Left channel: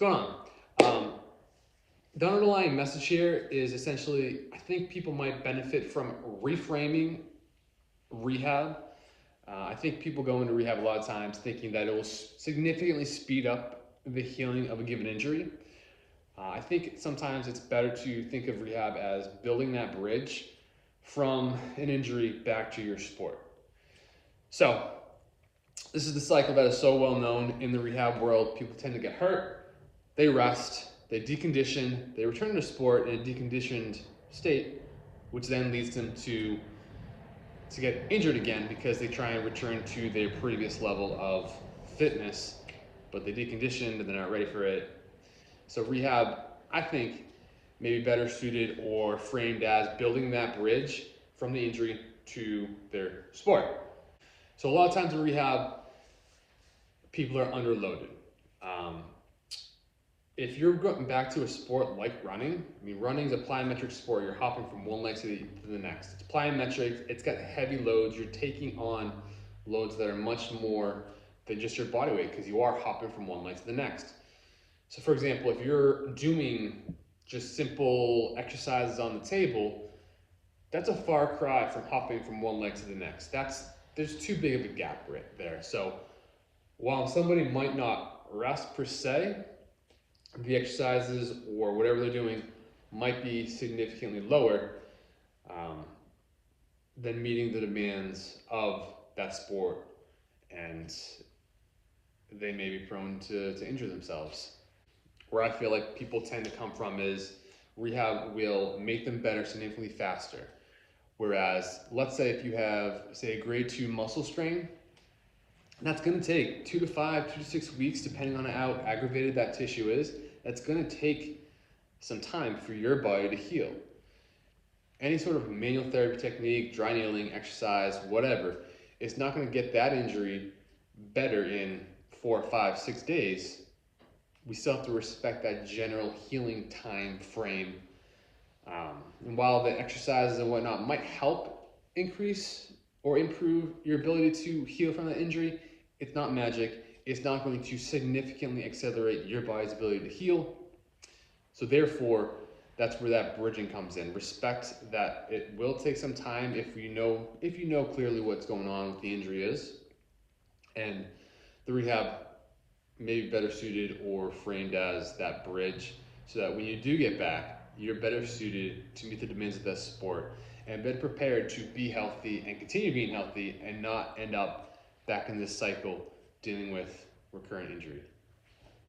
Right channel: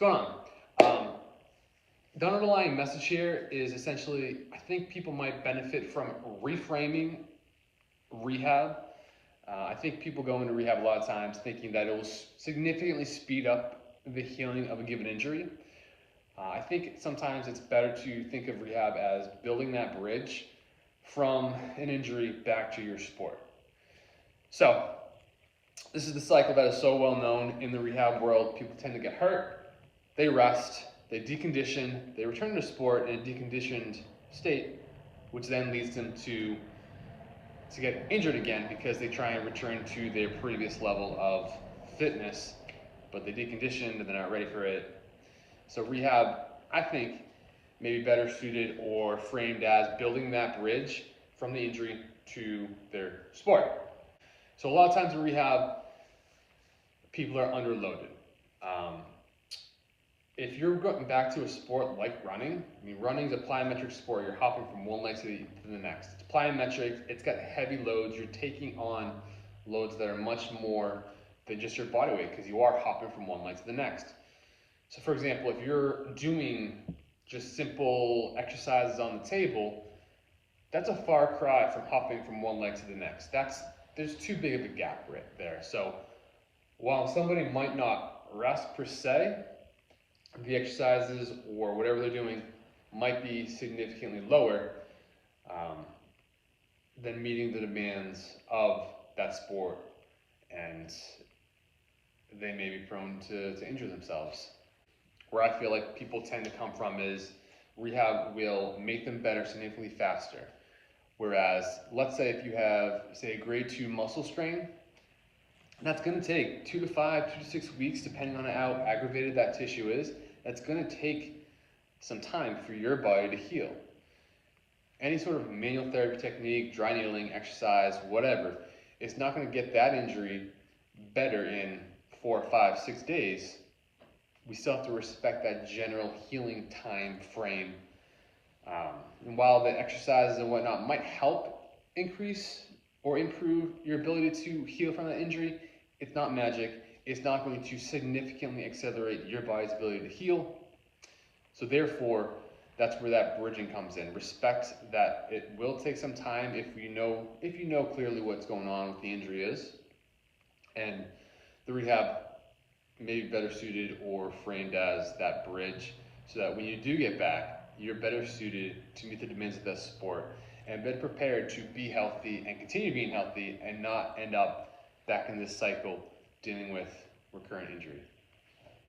going on? The underlying message here is essentially, I think people might benefit from reframing rehab. I think people go into rehab a lot of times thinking that it will significantly speed up the healing of a given injury. I think sometimes it's better to think of rehab as building that bridge from an injury back to your sport. So, this is the cycle that is so well known in the rehab world. People tend to get hurt, they rest, they decondition, they return to sport in a deconditioned state, which then leads them to get injured again because they try and return to their previous level of fitness, but they deconditioned and they're not ready for it. So rehab, I think, may be better suited or framed as building that bridge from the injury to their sport. So a lot of times in rehab, people are underloaded. If you're going back to a sport like running, I mean, running is a plyometric sport. You're hopping from one leg to the next. It's plyometric. It's got heavy loads. You're taking on loads that are much more than just your body weight because you are hopping from one leg to the next. So for example, if you're doing just simple exercises on the table, that's a far cry from hopping from one leg to the next. There's too big of a gap right there. So while somebody might not rest per se, the exercises or whatever they're doing might be significantly lower than meeting the demands of that sport, and they may be prone to injure themselves. Where I feel like people tend to come from is rehab will make them better significantly faster. Whereas, let's say if you have, say, a grade 2 muscle strain, that's going to take 2 to 5, 2 to 6 weeks, depending on how aggravated that tissue is. That's going to take some time for your body to heal. Any sort of manual therapy technique, dry needling, exercise, whatever, it's not going to get that injury better in 4, 5, 6 days. We still have to respect that general healing time frame. And while the exercises and whatnot might help increase or improve your ability to heal from that injury, it's not magic. It's not going to significantly accelerate your body's ability to heal. So therefore, that's where that bridging comes in. Respect that it will take some time if you know clearly what's going on with the injury is. And the rehab may be better suited or framed as that bridge so that when you do get back, you're better suited to meet the demands of that sport and better prepared to be healthy and continue being healthy and not end up back in this cycle dealing with recurrent injury.